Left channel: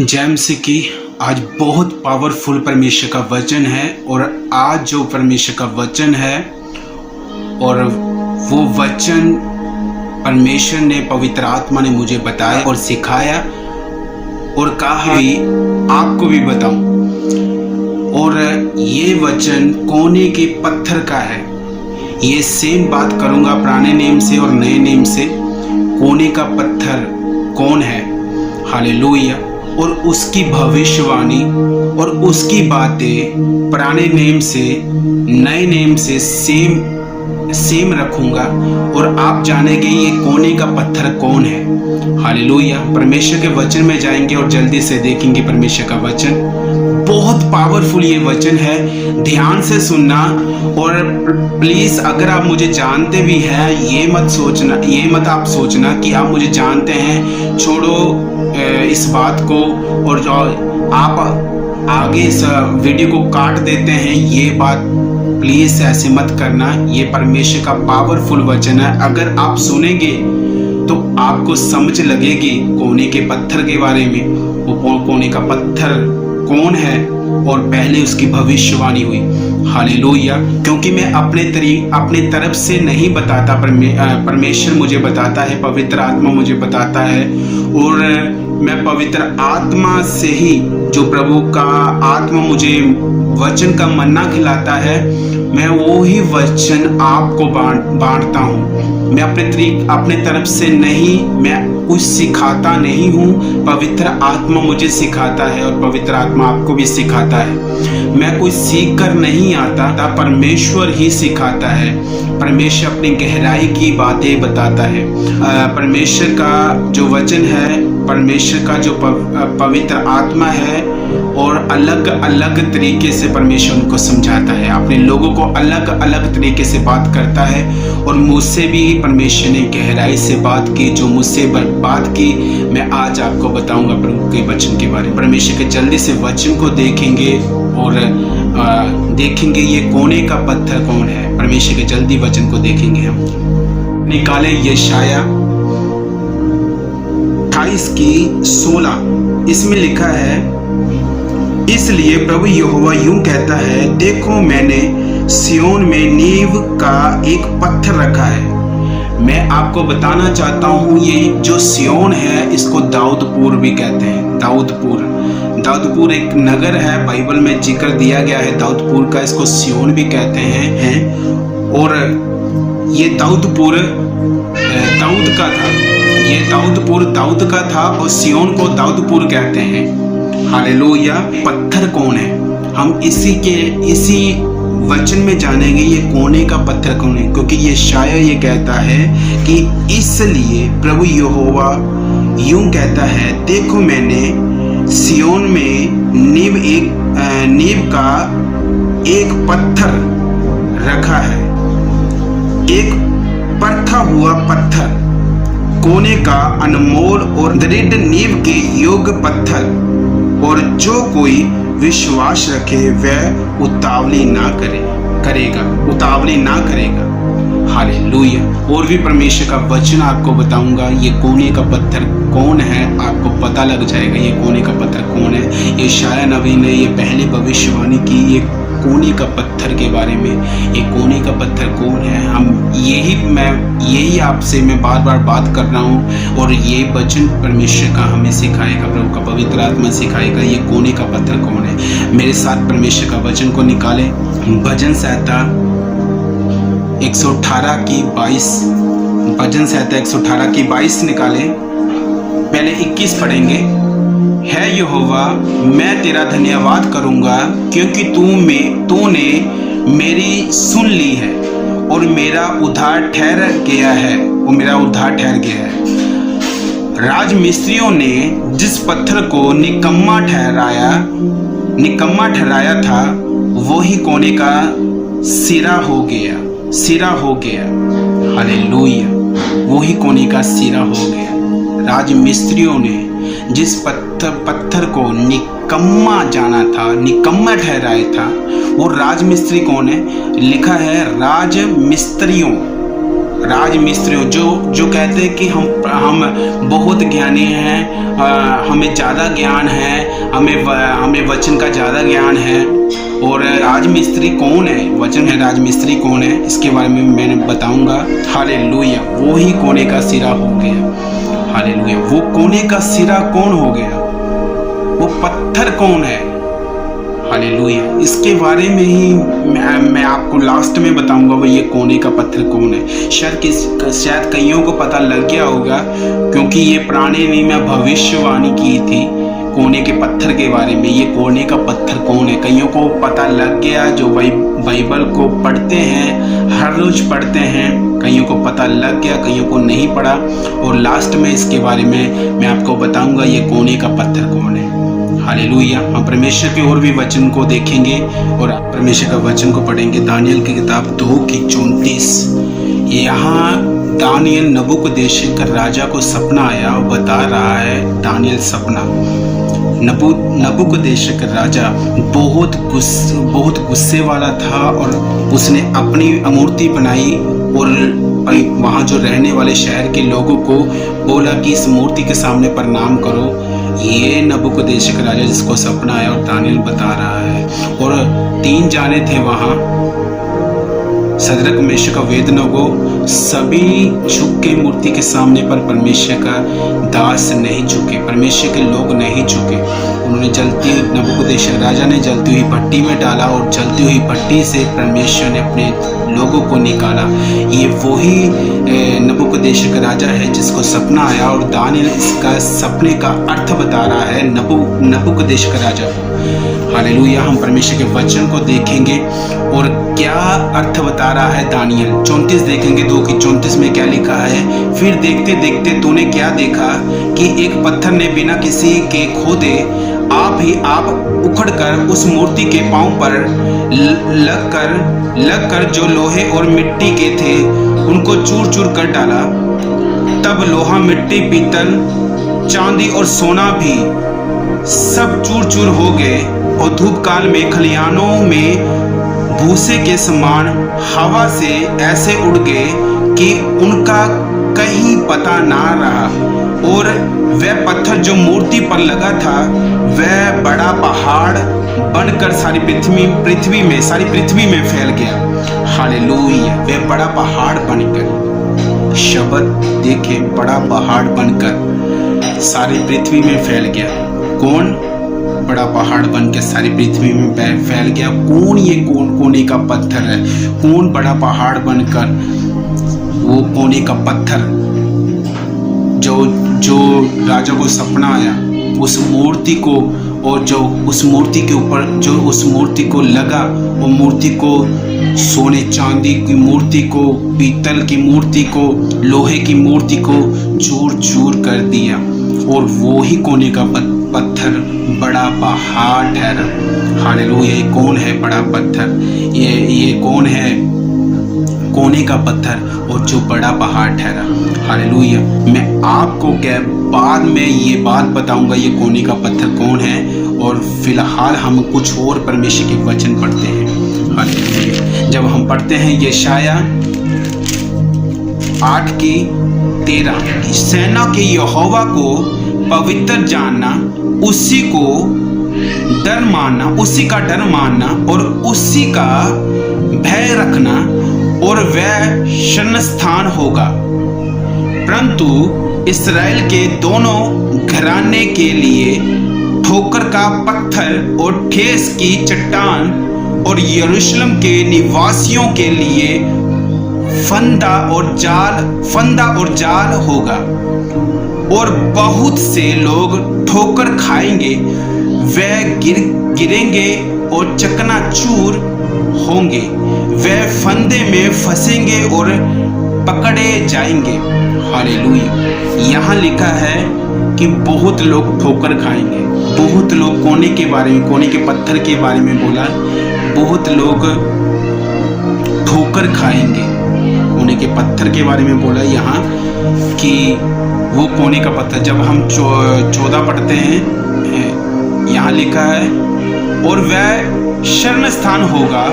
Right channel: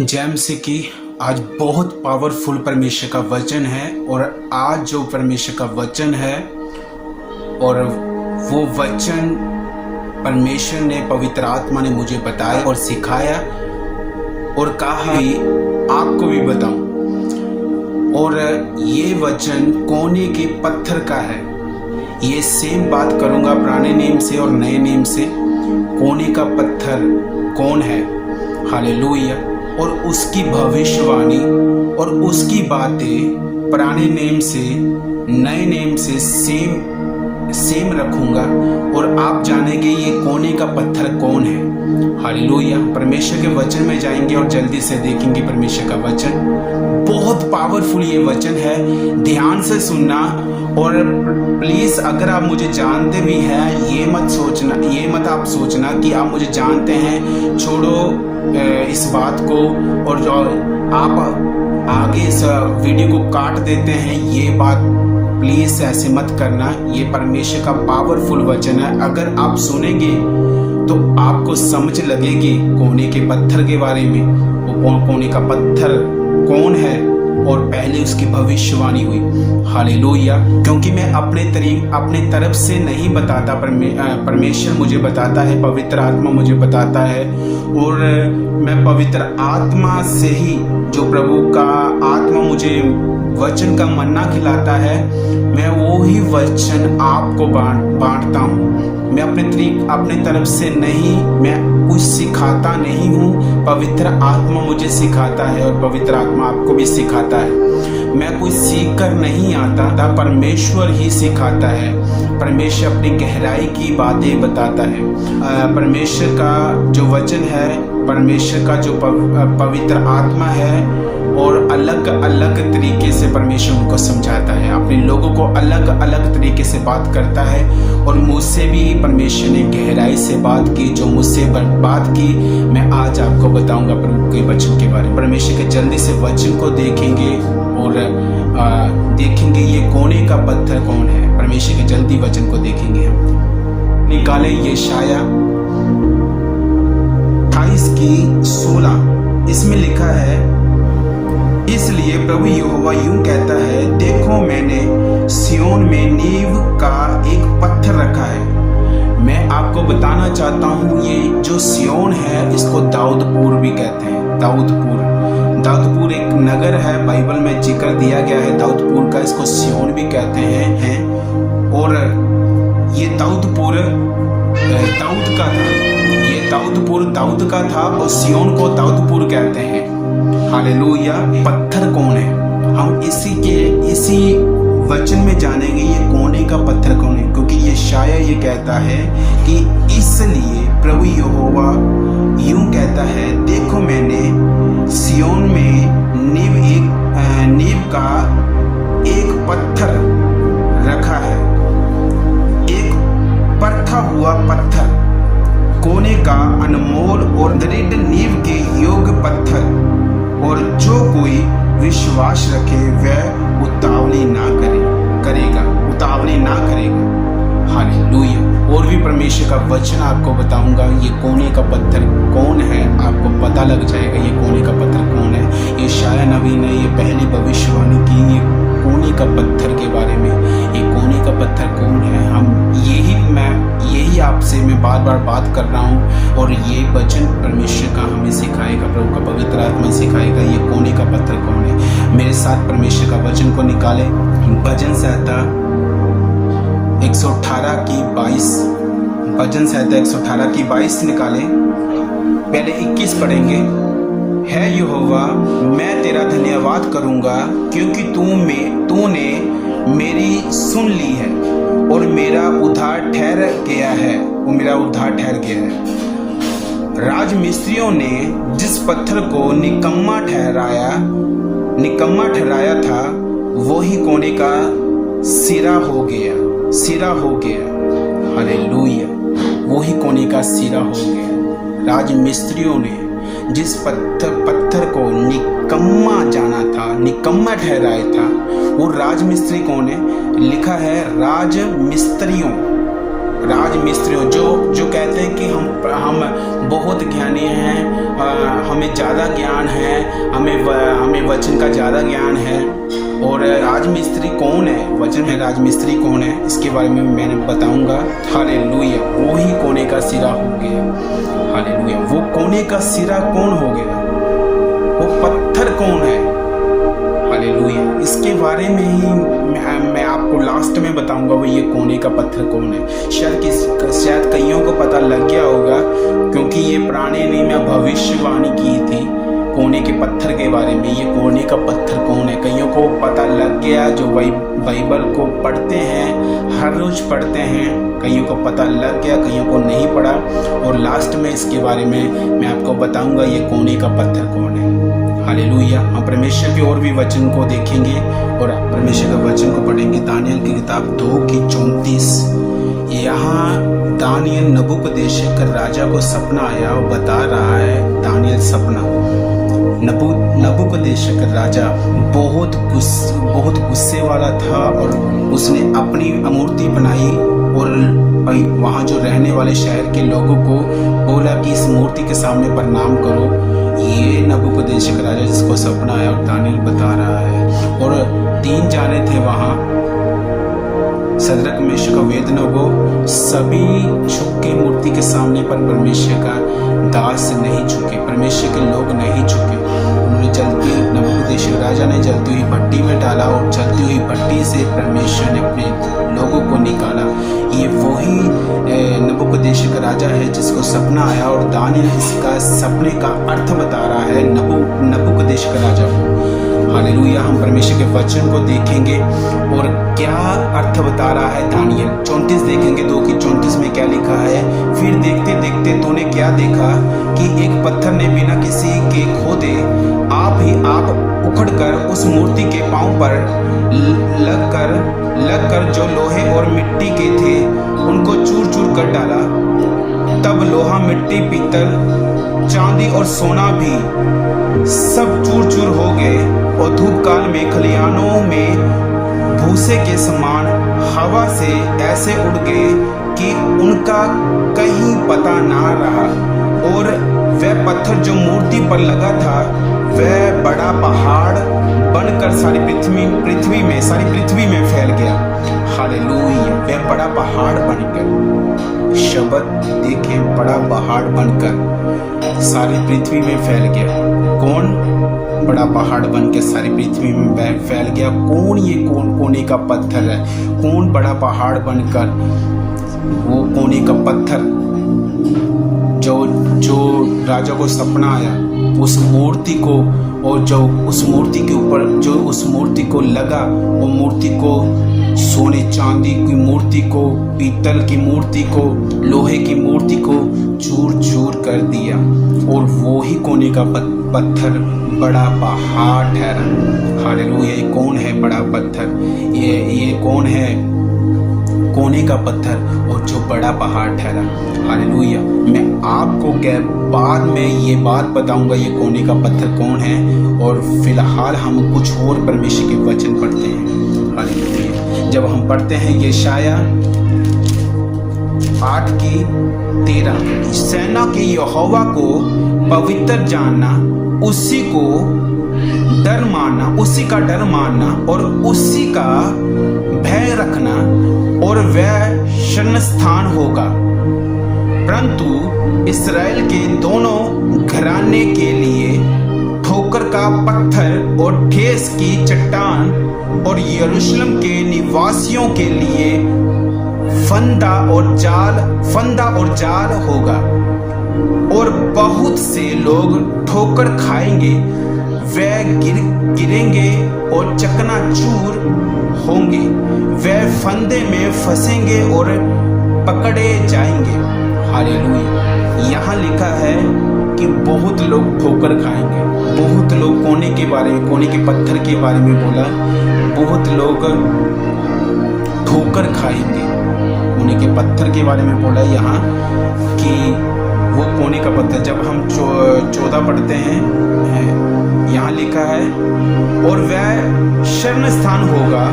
James की आज बहुत पावरफुल परमेश्वर का वचन है और आज जो परमेश्वर का वचन है और वो वचन परमेश्वर ने पवित्र आत्मा ने मुझे बताया और सिखाया और कहा भी आपको भी बताऊं। और ये वचन कोने के पत्थर का है। ये सेम बात करूंगा पुराने नेम से और नए नेम से। कोने का पत्थर कौन है? हालेलुया। और उसकी भविष्यवाणी और उसकी बातें पुराने नेम से नए नेम से सेम रखूंगा और आप जानेंगे ये कोने का पत्थर कौन है। हालेलुया। परमेश्वर के वचन में जाएंगे और जल्दी से देखेंगे परमेश्वर का वचन। बहुत पावरफुल ये वचन है, ध्यान से सुनना। और प्लीज अगर आप मुझे जानते भी हैं ये मत आप सोचना कि आप मुझे जानते हैं, छोड़ो इस बात को और जो आप आगे इस वीडियो को काट देते हैं, ये बात प्लीज ऐसे मत करना। ये परमेश्वर का पावरफुल वचन है। अगर आप सुनेंगे तो आपको समझ लगेगी कोने के पत्थर के बारे में। वो कोने का पत्थर कौन है और पहले उसकी भविष्यवाणी हुई। हालेलुया। क्योंकि मैं अपने तरफ से नहीं बताता, परमेश्वर मुझे बताता है, पवित्र आत्मा मुझे बताता है। और मैं पवित्र आत्मा से ही, जो प्रभु का आत्मा मुझे वचन का मन्ना खिलाता है, मैं वो ही वचन आपको बांटता हूँ। मैं अपने तरफ से नहीं, मैं कुछ सिखाता नहीं हूँ। पवित्र आत्मा मुझे सिखाता है और पवित्र आत्मा आपको भी सिखाता है। मैं कुछ सीख कर नहीं आता, परमेश्वर ही सिखाता है। परमेश्वर अपनी गहराई की बातें बताता है। परमेश्वर का जो वचन है, परमेश्वर का जो पवित्र आत्मा है, और अलग अलग तरीके से परमेश्वर उनको समझाता है, अपने लोगों को अलग अलग तरीके से बात करता है। और मुझसे भी परमेश्वर ने गहराई से बात की, जो मुझसे बात की मैं आज आपको बताऊंगा प्रभु के वचन के बारे में। परमेश्वर के जल्दी से वचन को देखेंगे और देखेंगे ये कोने का पत्थर कौन है। परमेश्वर के जल्दी वचन को देखेंगे हम। निकाले यशाया 28:16, इसमें लिखा है, इसलिए प्रभु यहोवा यूं कहता है, देखो मैंने सियोन में नींव का एक पत्थर रखा है। मैं आपको बताना चाहता हूँ, ये जो सियोन है इसको दाऊदपुर भी कहते हैं। दाऊदपुर एक नगर है, बाइबल में जिक्र दिया गया है दाऊदपुर का। इसको सियोन भी कहते हैं। और ये दाऊदपुर दाऊद का था। ये दाऊदपुर दाऊद का था और सियोन को दाऊदपुर कहते हैं। हालेलुया। पत्थर कौन है, हम इसी वचन में जानेंगे ये कोने का पत्थर कौन है। क्योंकि ये शायद ये कहता है कि इसलिए प्रभु यहोवा यूं कहता है, देखो मैंने सियोन में नींव का एक पत्थर रखा है, एक परखा हुआ पत्थर, कोने का अनमोल और दृढ़ नींव के योग्य पत्थर। और जो कोई विश्वास रखे वह उतावली ना करेगा। हालेलुया। और भी परमेश्वर का वचन आपको बताऊंगा, ये कोने का पत्थर कौन है, आपको पता लग जाएगा ये कोने का पत्थर कौन है। ये शाया नबी ने ये पहले भविष्यवाणी की ये कोने का पत्थर के बारे में। ये कोने का पत्थर कौन है, यही आपसे मैं बार बार बात कर रहा हूँ। और ये वचन परमेश्वर का हमें सिखाएगा, प्रभु का पवित्र आत्मा सिखाएगा ये कोने का पत्थर कौन है। मेरे साथ परमेश्वर का वचन को निकालें। भजन संहिता 118:22, भजन संहिता 118:22 निकालें। पहले 21 पढ़ेंगे। है यहोवा, मैं तेरा धन्यवाद करूंगा, क्योंकि तूने मेरी सुन ली है और मेरा उद्धार ठहर गया है। राजमिस्त्रियों ने जिस पत्थर को निकम्मा ठहराया था, वही कोने का सिरा हो गया। हालेलुया। वही कोने का सिरा हो गया। राजमिस्त्रियों ने जिस पत्थर को निकम्मा ठहराया था, वो राजमिस्त्री कौन है? लिखा है राजमिस्त्रियों राजमिस्त्रियों जो कहते हैं कि हम बहुत ज्ञानी हैं, हमें ज़्यादा ज्ञान है, हमें वचन का ज़्यादा ज्ञान है। और राजमिस्त्री कौन है, वचन है राजमिस्त्री कौन है, इसके बारे में मैंने बताऊंगा। हालेलुया। वो ही कोने का सिरा हो गया। हालेलुया। वो कोने का सिरा कौन हो गया, वो पत्थर कौन है। हालेलुया। इसके बारे में ही मैं आपको लास्ट में बताऊंगा, वो ये कोने का पत्थर कौन है। शायद कईयों को पता लग गया होगा, क्योंकि ये पुराने नियम में भविष्यवाणी की थी कोने के पत्थर के बारे में। ये कोने का पत्थर कौन है, कईयों को पता लग गया, जो बाइबल को पढ़ते हैं, हर रोज पढ़ते हैं। कईयों को पता लग गया, कईयों को नहीं पढ़ा। और लास्ट में इसके बारे में मैं आपको बताऊंगा ये कोने का पत्थर कौन है। हालेलुया। हम परमेश्वर के और भी वचन को देखेंगे और परमेश्वर का वचन को पढ़ेंगे। दानियल की किताब 2:34। यहाँ दानियल नबूकदनेस्सर राजा को सपना आया, बता रहा है दानियल सपना। नबूकदनेस्सर राजा बहुत गुस्से वाला था और उसने अपनी मूर्ति बनाई और वहाँ जो रहने वाले शहर के लोगों को बोला कि इस मूर्ति के सामने प्रणाम करो। ये नबूकदनेस्सर राजा जिसको सपना आया और दानियल बता रहा है। और 3 जाने थे वहाँ, सदरक मेशक अबेदनगो, सभी झुके मूर्ति के सामने, पर परमेश्वर का दास नहीं झुके, परमेश्वर के लोग नहीं झुके। उन्होंने जलती हुई, नबूकदनेस्सर राजा ने जलती हुई भट्टी में डाला और जलती हुई भट्टी से परमेश्वर ने अपने लोगों को निकाला। ये वही नबूकदनेस्सर राजा है जिसको सपना आया और दानियल इसका सपने का अर्थ बता रहा है नबूकदनेस्सर राजा को। हालेलुया। हम परमेश्वर के वचन को देखेंगे और क्या अर्थ बता रहा है दानियल। 34 देखेंगे, 2:34 में क्या लिखा है। फिर देखते देखते तूने क्या देखा कि एक पत्थर ने बिना किसी के खोदे आप ही आप उखड़कर उस मूर्ति के पांव पर लगकर जो लोहे और मिट्टी के थे उनको चूर चूर कर डाला। तब लोहा, मिट्टी, पीतल, चांदी और सोना भी सब चूर चूर हो गए और धूप काल में खलिहानों में भूसे के समान हवा से ऐसे उड़ गए कि उनका कहीं पता ना रहा। और वह पत्थर जो मूर्ति पर लगा था वह बड़ा पहाड़ बनकर सारी पृथ्वी में फैल गया। हालेलुया। वह बड़ा पहाड़ बनकर, शब्द देखे, बड़ा पहाड़ बनकर सारी पृथ्वी में फैल गया। कौन बड़ा पहाड़ बन के सारी पृथ्वी में फैल गया? कौन ये कोने का पत्थर है? कौन बड़ा पहाड़ बनकर, वो कोने का पत्थर जो राजा को सपना आया, उस मूर्ति को, और जो उस मूर्ति के ऊपर जो उस मूर्ति को लगा, वो मूर्ति को, सोने चांदी की मूर्ति को, पीतल की मूर्ति को, लोहे की मूर्ति को चूर चूर कर दिया। और वो ही कोने का पत्थर बड़ा पहाड़ ठहरा। हालेलुया। ये कौन है बड़ा पत्थर? ये कौन है कोने का पत्थर और जो बड़ा पहाड़ ठहरा? हालेलुया। मैं आपको बाद में ये बात बताऊंगा ये कोने का पत्थर कौन है। और फिलहाल हम कुछ और परमेश्वर के वचन पढ़ते हैं। हालेलुया। जब हम पढ़ते हैं यशाया 8:13, सेना के यहोवा को पवित्र जानना, उसी को डर मानना, उसी का डर मानना और उसी का भय रखना, और वह शरणस्थान होगा। परंतु इस्राएल के दोनों घराने के लिए ठोकर का पत्थर और ठेस की चट्टान, और यरूशलेम के निवासियों के लिए फंदा और जाल होगा। और बहुत से लोग ठोकर खाएंगे, वे गिरेंगे और चकनाचूर होंगे, वे फंदे में फंसेंगे और पकड़े जाएंगे। हालेलुया। यहाँ लिखा है कि बहुत लोग ठोकर खाएंगे। बहुत लोग कोने के बारे में, कोने के पत्थर के बारे में बोला, बहुत लोग ठोकर खाएंगे। कोने के पत्थर के बारे में बोला यहाँ कि वो कोने का पत्थर। जब हम 14 पढ़ते हैं, यहाँ लिखा है और वह शरण स्थान होगा,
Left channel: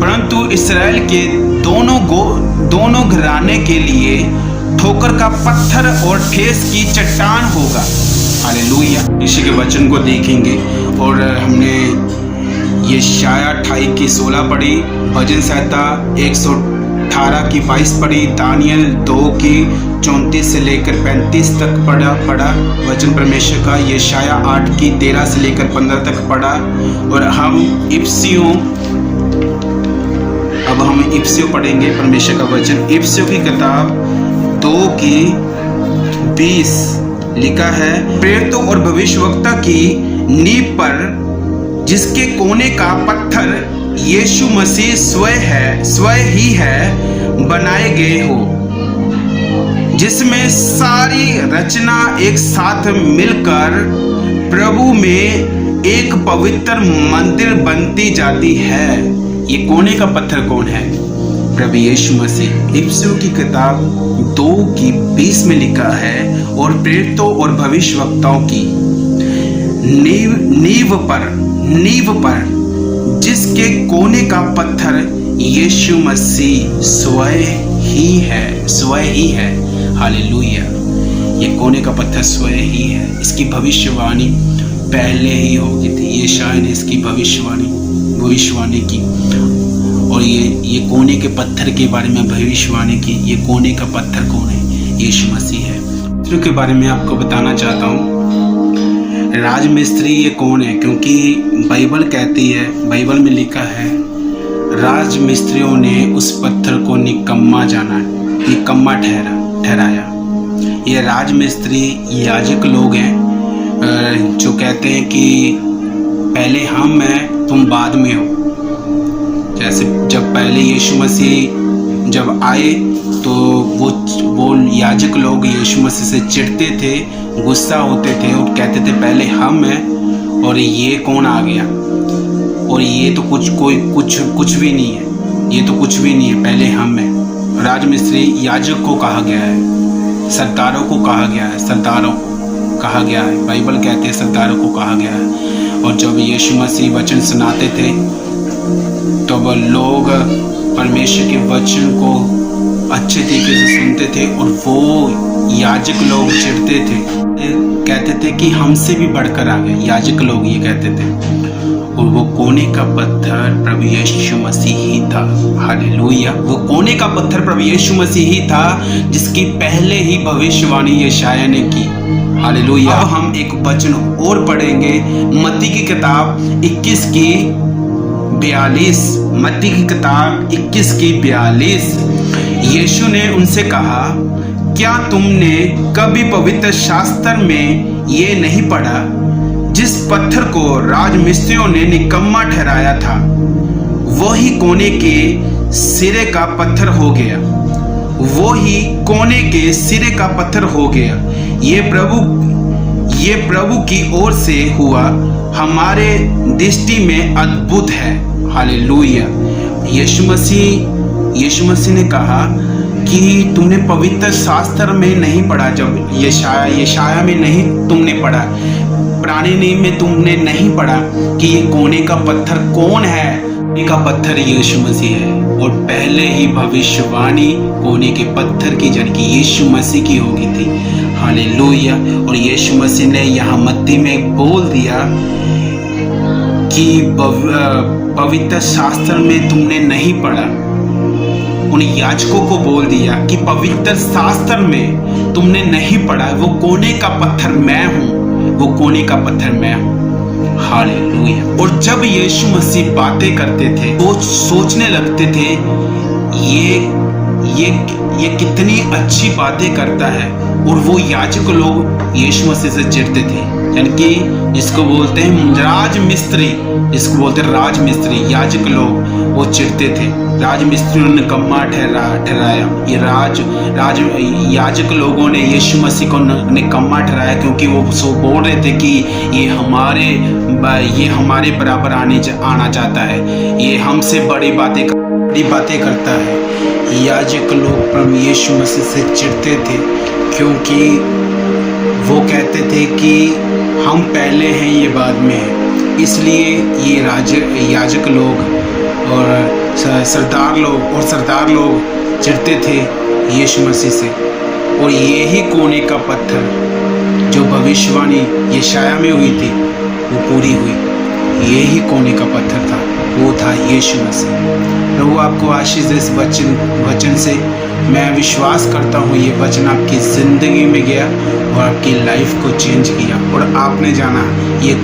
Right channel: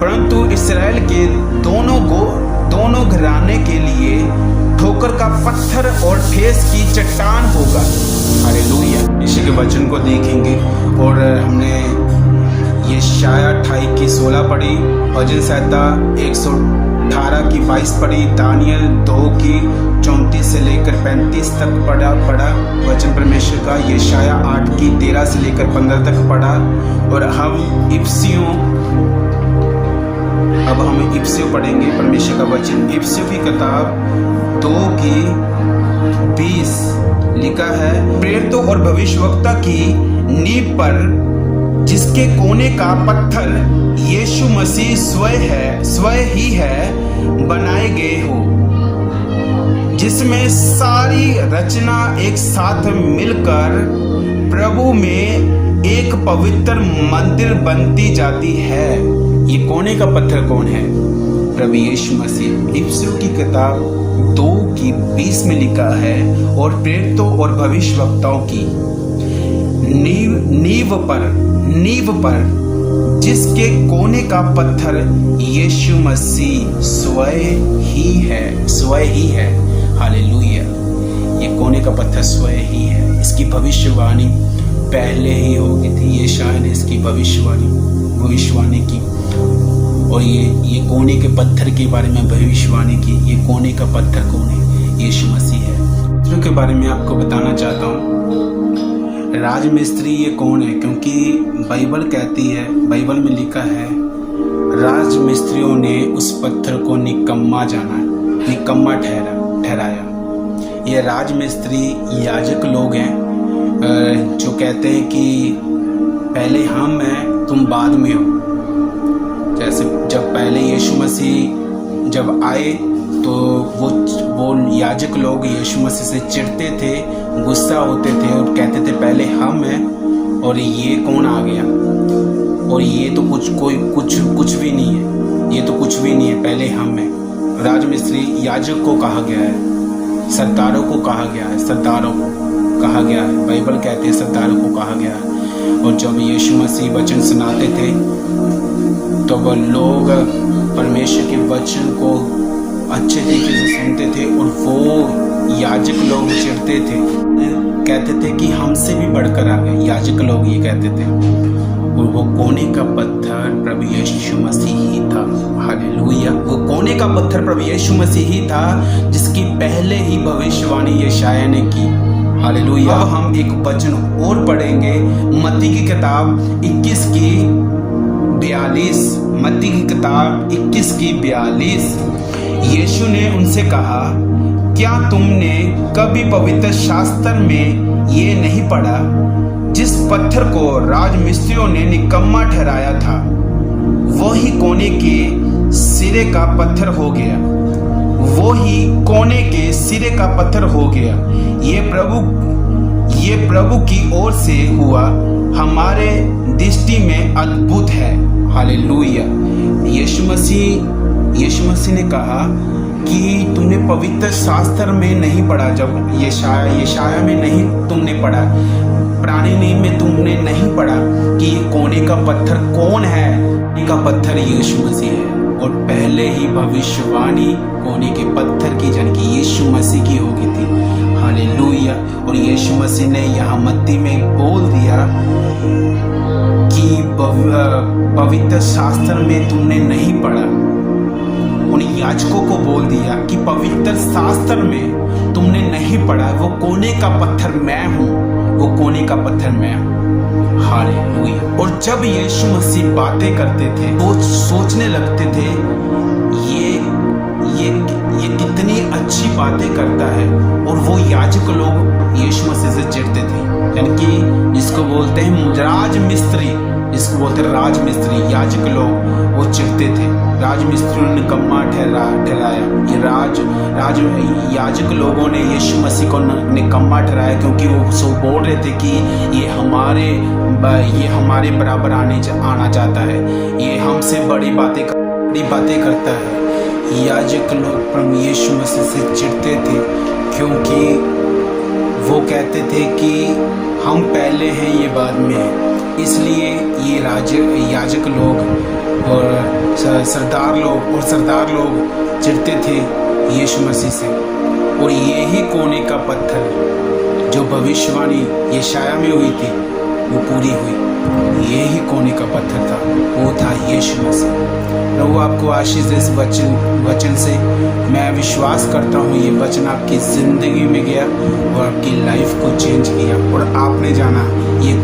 परंतु इस्राएल के दोनों घराने के लिए ठोकर का पत्थर और ठेस की चट्टान होगा। हालेलुया। इसी के वचन को देखेंगे और हमने यशायाह 28 की 16 पढ़ी, भजन संहिता 118 की 22 पढ़ी, दानियल 2 की 34 से लेकर 35 तक पढ़ा वचन परमेश्वर का, यशायाह 8 की 13 से लेकर 15 तक पढ़ा। और हम इफ्सियों पढ़ेंगे परमेश्वर का वचन। इफ्सियों की किताब 2 की 20 लिखा है, प्रेरितों और भविष्यवक्ता की नींव पर जिसके कोने का पत्थर यीशु मसीह स्वयं ही है, बनाए गए हो, जिसमें सारी रचना एक साथ मिलकर प्रभु में एक पवित्र मंदिर बनती जाती है। ये कोने का पत्थर कौन है? प्रभु यीशु मसीह। इफ्सियों की किताब 2 की 20 में लिखा है, और प्रेरितों और भविष्यवक्ताओं की नींव पर जिसके कोने का पत्थर यीशु मसीह स्वयं ही है। हालेलुया। ये कोने का पत्थर स्वयं ही है। इसकी भविष्यवाणी पहले ही हो गई थी। यशायाह ने इसकी भविष्यवाणी की और ये कोने के पत्थर के बारे में भविष्यवाणी की। ये कोने का पत्थर कौन है? यीशु मसीह है। इसके बारे में आपको बताना चाहता हूँ। राजमिस्त्री ये कौन है? क्योंकि बाइबल कहती है, बाइबल में लिखा है, राजमिस्त्रियों ने उस पत्थर को निकम्मा ठहराया। ये राजमिस्त्री याजक लोग हैं जो कहते हैं कि पहले हम हैं, तुम बाद में हो। जैसे जब पहले यीशु मसीह जब आए तो वो याजक लोग यीशु मसीह से चिढ़ते थे, गुस्सा होते थे और कहते थे पहले हम हैं और ये कौन आ गया, और ये तो कुछ भी नहीं है, ये तो कुछ भी नहीं है, पहले हम हैं। राजमिस्त्री याजक को कहा गया है, सरदारों को कहा गया है, बाइबल कहते हैं सरदारों को कहा गया है। और जब यीशु मसीह वचन सुनाते थे तो वो लोग परमेश्वर के वचन को अच्छे तरीके से सुनते थे और वो याजक लोग चिढ़ते थे, कहते थे कि हमसे भी बढ़कर आ गए। याजक लोग ये कहते थे। और वो कोने का पत्थर प्रभु यीशु मसीह ही था। हालेलुया। वो कोने का पत्थर प्रभु यीशु मसीह ही था जिसकी पहले ही भविष्यवाणी यशायाह ने की। हालेलुया। अब हम एक वचन और पढ़ेंगे, मत्ती की किताब 21 की 42। मत्ती की किताब 21 की 42। यीशु ने उनसे कहा, क्या तुमने कभी पवित्र शास्त्र में ये नहीं पढ़ा, जिस पत्थर को राजमिस्त्रियों ने निकम्मा ठहराया था, वही कोने के सिरे का पत्थर हो गया। वही कोने के सिरे का पत्थर हो गया। ये प्रभु की ओर से हुआ, हमारे दृष्टि में अद्भुत है। हालेलुया। यीशु मसीह ने कहा कि तुमने पवित्र शास्त्र में नहीं पढ़ा, जब यशायाह में नहीं तुमने पढ़ा, पुराने नियम में तुमने नहीं पढ़ा कि ये कोने का पत्थर कौन है। कोने का पत्थर यीशु मसीह है। और पहले ही भविष्यवाणी कोने के पत्थर की जन की यीशु मसीह की हो गई थी। हालेलुया। और यीशु मसीह ने यहाँ मत्ती में बोल दिया कि पवित्र शास्त्र में तुमने नहीं पढ़ा। उन याजकों को बोल दिया कि पवित्र शास्त्र में तुमने नहीं पढ़ा, वो कोने का पत्थर मैं हूँ, वो कोने का पत्थर मैं हूँ। हालेलुया। और जब यीशु मसीह बातें करते थे वो सोचने लगते थे ये कितनी अच्छी बातें करता है। और वो याजक लोग यीशु मसीह से चिढ़ते थे, यानी कि जिसको बोलते हैं राजमिस्त्री, याजक लोग वो चिढ़ते थे। राजमिस्त्रियों ने निकम्मा ठहराया। ये याजक लोगों ने यीशु मसीह को निकम्मा ठहराया, क्योंकि वो बोल रहे थे कि ये हमारे बराबर आना चाहता है, ये हमसे बड़ी बातें करता है। याजक लोग प्रभु यीशु मसीह से चिढ़ते थे, क्योंकि वो कहते थे कि हम पहले हैं, ये बाद में है। इसलिए ये याजक लोग और सरदार लोग चिढ़ते थे यीशु मसीह से, और यही कोने का पत्थर जो भविष्यवाणी यशाया में हुई थी वो पूरी हुई। यही कोने का पत्थर था, वो था यीशु मसीह। प्रभु आपको आशीष दे इस वचन से। मैं विश्वास करता हूँ ये वचन आपकी ज़िंदगी में गया और आपकी लाइफ को चेंज किया, और आपने जाना ये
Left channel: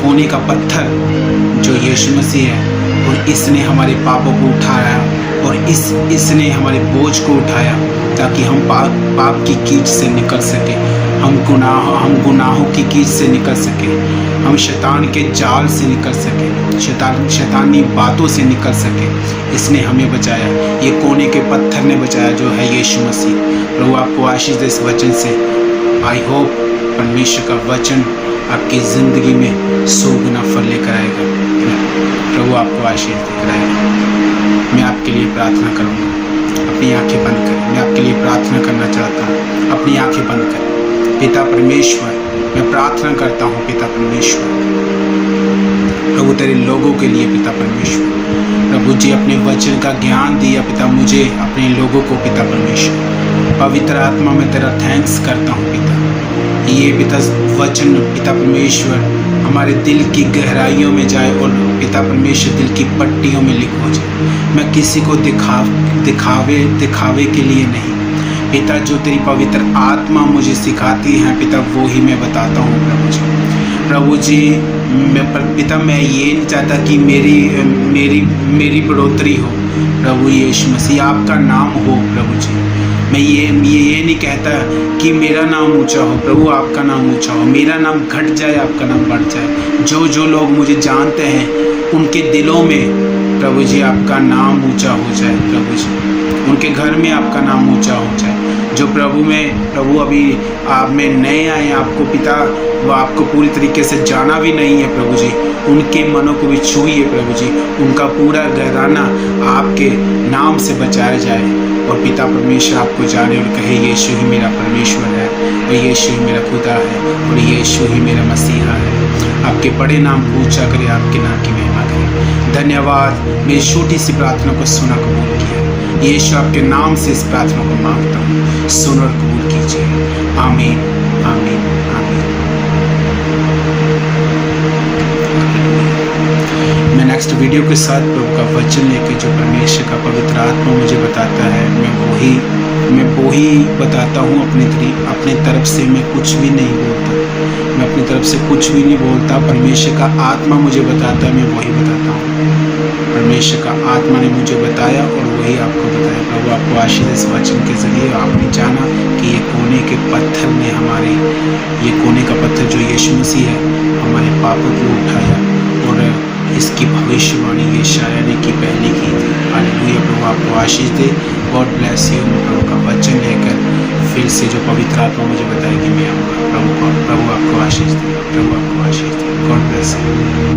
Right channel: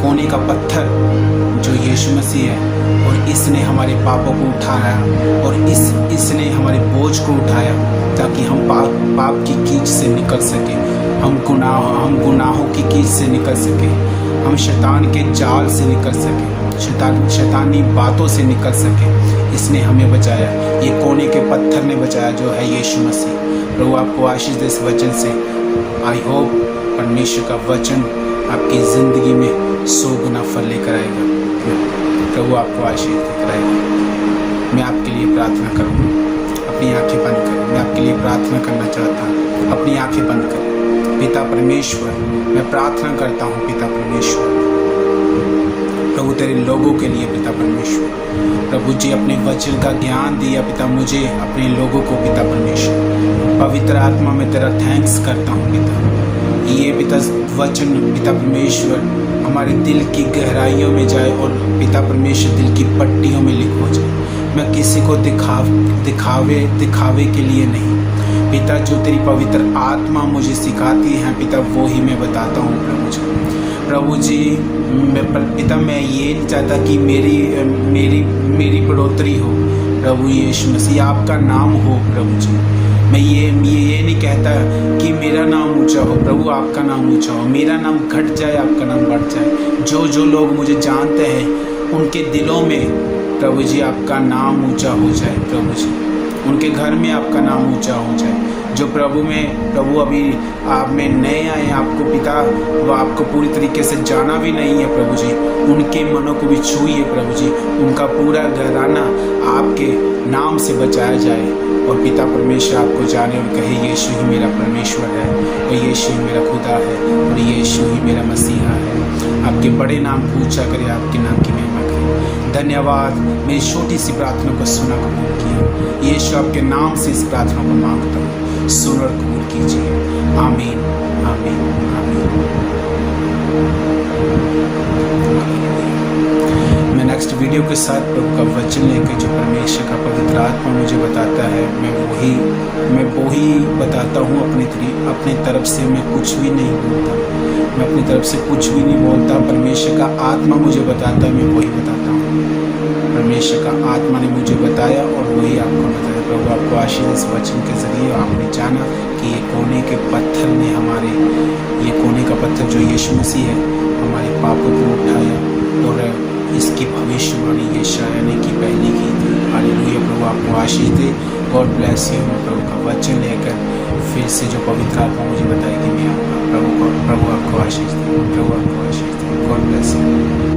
कोने का पत्थर जो यीशु मसीह है, और इसने हमारे पापों को उठाया, और इसने हमारे बोझ को उठाया ताकि हम पाप की कीच से निकल सके, हम गुनाहों की कीच से निकल सके, हम शैतान के जाल से निकल सके, शैतानी बातों से निकल सके। इसने हमें बचाया, ये कोने के पत्थर ने बचाया जो है यीशु मसीह। प्रभु आपको आशीष दे इस वचन से। आई होप परमेश्वर का वचन आपकी ज़िंदगी में 100 गुना फल लेकर आएगा। प्रभु आपको आशीष देकर आएगा। मैं आपके लिए प्रार्थना करूँगा। अपनी आंखें बंद करें। मैं आपके लिए प्रार्थना करना चाहता हूँ। अपनी आंखें बंद करें। पिता परमेश्वर, मैं प्रार्थना करता हूँ पिता परमेश्वर, प्रभु तेरे लोगों के लिए पिता परमेश्वर। प्रभु जी अपने वचन का ज्ञान दिया पिता मुझे, अपने लोगों को पिता परमेश्वर। पवित्र आत्मा में तेरा थैंक्स करता हूँ पिता। ये पिता वचन पिता परमेश्वर हमारे दिल की गहराइयों में जाए, और पिता परमेश्वर दिल की पट्टियों में लिख हो जाए। मैं किसी को दिखावे के लिए नहीं पिता, जो तेरी पवित्र आत्मा मुझे सिखाती है पिता वो ही मैं बताता हूँ प्रभु जी। पिता मैं ये नहीं चाहता कि मेरी बढ़ोतरी हो प्रभु यीशु मसीह, आपका नाम हो प्रभु जी। मैं ये नहीं कहता कि मेरा नाम ऊंचा हो प्रभु, आपका नाम ऊंचा हो। मेरा नाम घट जाए, आपका नाम बढ़ जाए। जो लोग मुझे जानते हैं उनके दिलों में प्रभु जी आपका नाम ऊंचा हो जाए प्रभु जी, उनके घर में आपका नाम ऊंचा हो जाए। जो प्रभु अभी आप में नए आए, आपको पिता वो आपको पूरी तरीके से जाना भी नहीं है प्रभु जी, उनके मनों को भी छूइए प्रभु जी, उनका पूरा घराना आपके नाम से बचाया जाए, और पिता परमेश्वर आपको जाने और कहे यीशु ही मेरा परमेश्वर है, और यीशु ही मेरा खुदा है, और यीशु ही मेरा मसीहा है। आपके बड़े नाम को ऊंचा करे, आपके नाम की महिमा करे। धन्यवाद, मेरी छोटी सी प्रार्थना को सुना कबूल किया। यीशु आपके नाम से इस प्रार्थना को मांगता हूँ, सुन और कबूल कीजिए। आमीन आमीन आमीन। मैं नेक्स्ट वीडियो के साथ प्रभु का वचन लेकर, जो परमेश्वर का पवित्र आत्मा मुझे बताता है, मैं वही बताता हूँ। अपनी तरफ से मैं कुछ भी नहीं बोलता, मैं अपनी तरफ से कुछ भी नहीं बोलता। परमेश्वर का आत्मा मुझे बताता है, मैं वही बताता हूँ। परमेश्वर का आत्मा ने मुझे बताया और वही आपको बताया। प्रभु आपको आशीष इस वचन के जरिए। आपने जाना कि ये कोने के पत्थर ने ये कोने का पत्थर जो यीशु मसीह है हमारे पापों को उठाया, और इसकी भविष्यवाणी यशायाह ने की पहले की थी। हालेलुया। प्रभु आपको आशीष दे। God bless you. मैं प्रभु का वचन लेकर फिर से जो पवित्र आत्मा मुझे बताएगी मैं